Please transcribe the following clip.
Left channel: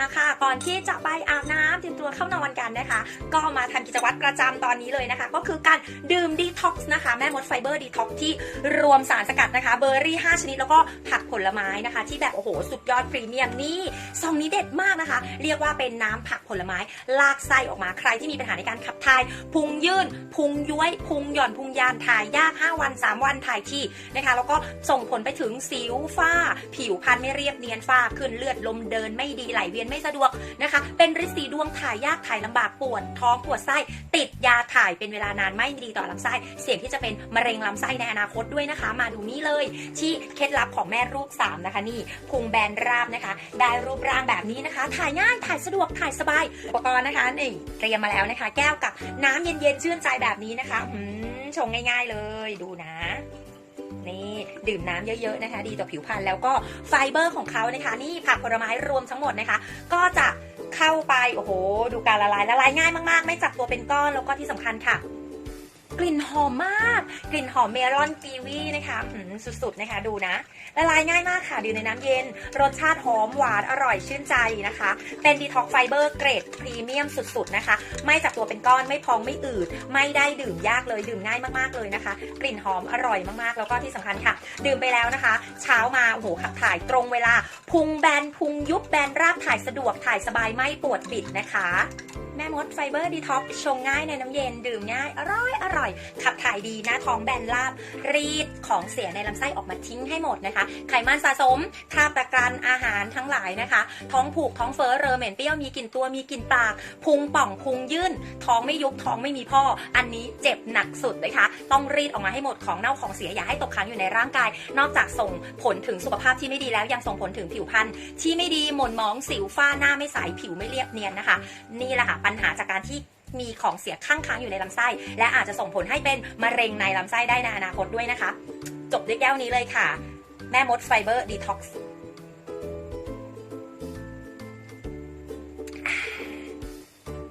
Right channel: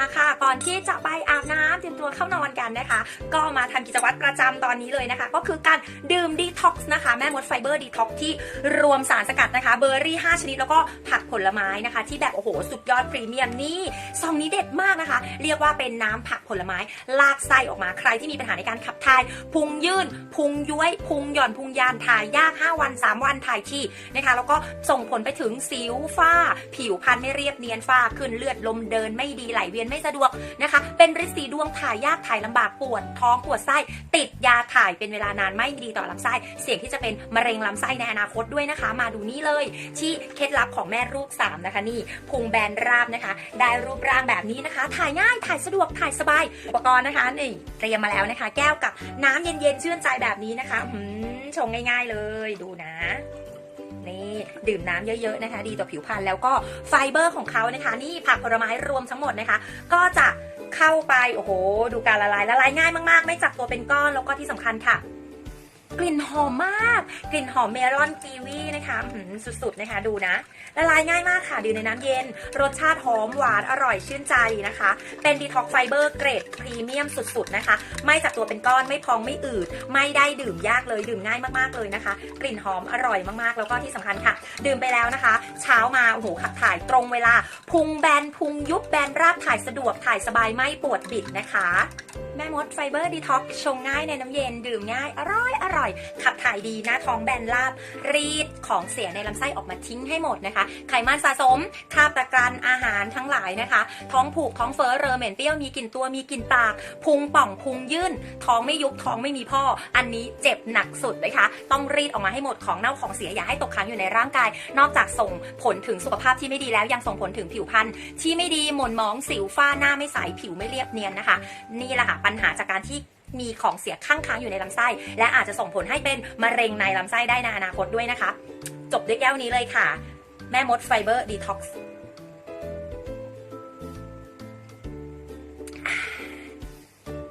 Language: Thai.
อะค่ะ ก่อนที่จะไปอาบน้ำเตรียมตัวเข้านอนกันนะคะ ก็มาทำกิจวัตรประจำตอนนี้เลยนะคะ ก็คือการดื่มดีท็อกซ์นะคะ แม่มดไฟเบอร์ดีท็อกซ์ที่รวมสารสกัดนะคะ เบอร์รี่ 5 ชนิดแล้วก็ผักผลไม้นะคะ ที่แบบโอ้โห สุดยอดพรีเมียมนี่ซองนี้เด็ดมากนะคะ เรียกว่าเป็นน้ำผักผลไม้ ลากไส้ออกมาใครที่มีปัญหาในการขับถ่าย พุงยื่น พุงย้วยพุงหย่อนพุงยานถ่ายยาก 5 วัน 3 วันถ่ายที่นะคะ แล้วก็ส่งผลไปถึงสิวฝ้า ผิวพรรณไม่เรียบเนียนฝ้าขึ้นเลือดลมเดินไม่ดีไหลเวียนไม่สะดวกนะคะ เป็นริดสีดวงถ่ายยากถ่ายลำบากปวดท้องปวดไส้ติดยาถ่ายเป็นเวลานานไม่ดีต่อลำไส้ เสี่ยงที่จะเป็นมะเร็งลำไส้ในอนาคตด้วยนะคะ มาดูนี่เลย ที่เคล็ดลับของแม่รูป 3 นะคะนี่พุงแบนราบนะคะ ได้รูปร่างแบบนี้นะคะ ถ่ายง่ายถ่ายสะดวกถ่ายสบายอุปกรณ์นะคะนี่เตรียมมาแล้วนะคะ แก้วกับน้ำเย็นๆชื่นใจแบบนี้นะคะอืมชงง่าย ๆเลยดูนะ นี่ดื่มน้ำเยอะๆนะคะ ดีต่อผิวพรรณแล้วก็ไฟเบอร์ของเขานะคะ นี่ผักผลไม้รวมทั้งหมดนะคะ ก็จะเข้าไปโอ้โห ดูการละลายละลายง่ายมากๆ ไม่จับตัวเป็นก้อนแล้วก็ที่สำคัญค่ะ กลิ่นหอมมาก กลิ่นหอมเมลอนกีวีนะคะหืมสุดๆนะคะดูนะละลายง่ายมากค่ะดื่มในน้ำเย็น รสชาติหอมหวานอร่อยชื่นใจนะคะ เป็นดีท็อกไฟเบอร์เกรดพรีเมียมสุดๆนะคะ ไม่จับตัวเป็นก้อนไม่พองไม่อืด ไม่ได้ดื่มยากเลยดื่มง่ายมากๆเลยนะคะ กลิ่นหอมอร่อยมากๆ แล้วก็ที่สำคัญค่ะ ดื่มไปแล้วนะคะ เช้ามาโอ้โหขับถ่ายตรงเวลา พุงแบนพุงยุบแบนราบถ่ายสะดวกถ่ายสบายไม่ปวดบิดนะคะ แม่มดไฟเบอร์ดีท็อกชงง่ายในน้ำเย็นดื่มง่ายอร่อยอร่อยขับถ่ายดีหน้าท้องแบนราบ รีดของเสียในลำไส้ออกมาทิ้งให้หมดนะคะ ไขมันสะสมคราบตะกรันอาหารทั้งหลายนะคะ ท้องผูกท้องเฟ้อเรอเหม็นเปรี้ยวมีกลิ่นตัวมีกลิ่นปากพุงป่องพุงยื่น ท้องไม่ยุบท้องไม่มีพ่อ อันนี้เจ็บหนักสุดนะคะ ต้องรีดออกมาให้หมดของเน่าของเสียอย่าให้ตกค้างอยู่ในร่างกาย นอกจากส่งผลถึงสุขภาพที่ไม่ดีแล้วยังส่งผลถึงผิวพรรณที่ไม่ดีหม่นหมองสิวฝ้าหน้าไม่ใสผิวไม่เรียบเนียนนะคะ นี่แหละค่ะปัญหาจากการที่ มีของเสียข้างค้างอยู่ในลำไส้ และอาจจะส่งผลให้เป็นมะเร็งในลำไส้ได้ในอนาคตด้วยนะคะ จบด้วยแก้วนี้เลยค่ะ แม่มดไฟเบอร์ดีท็อกซ์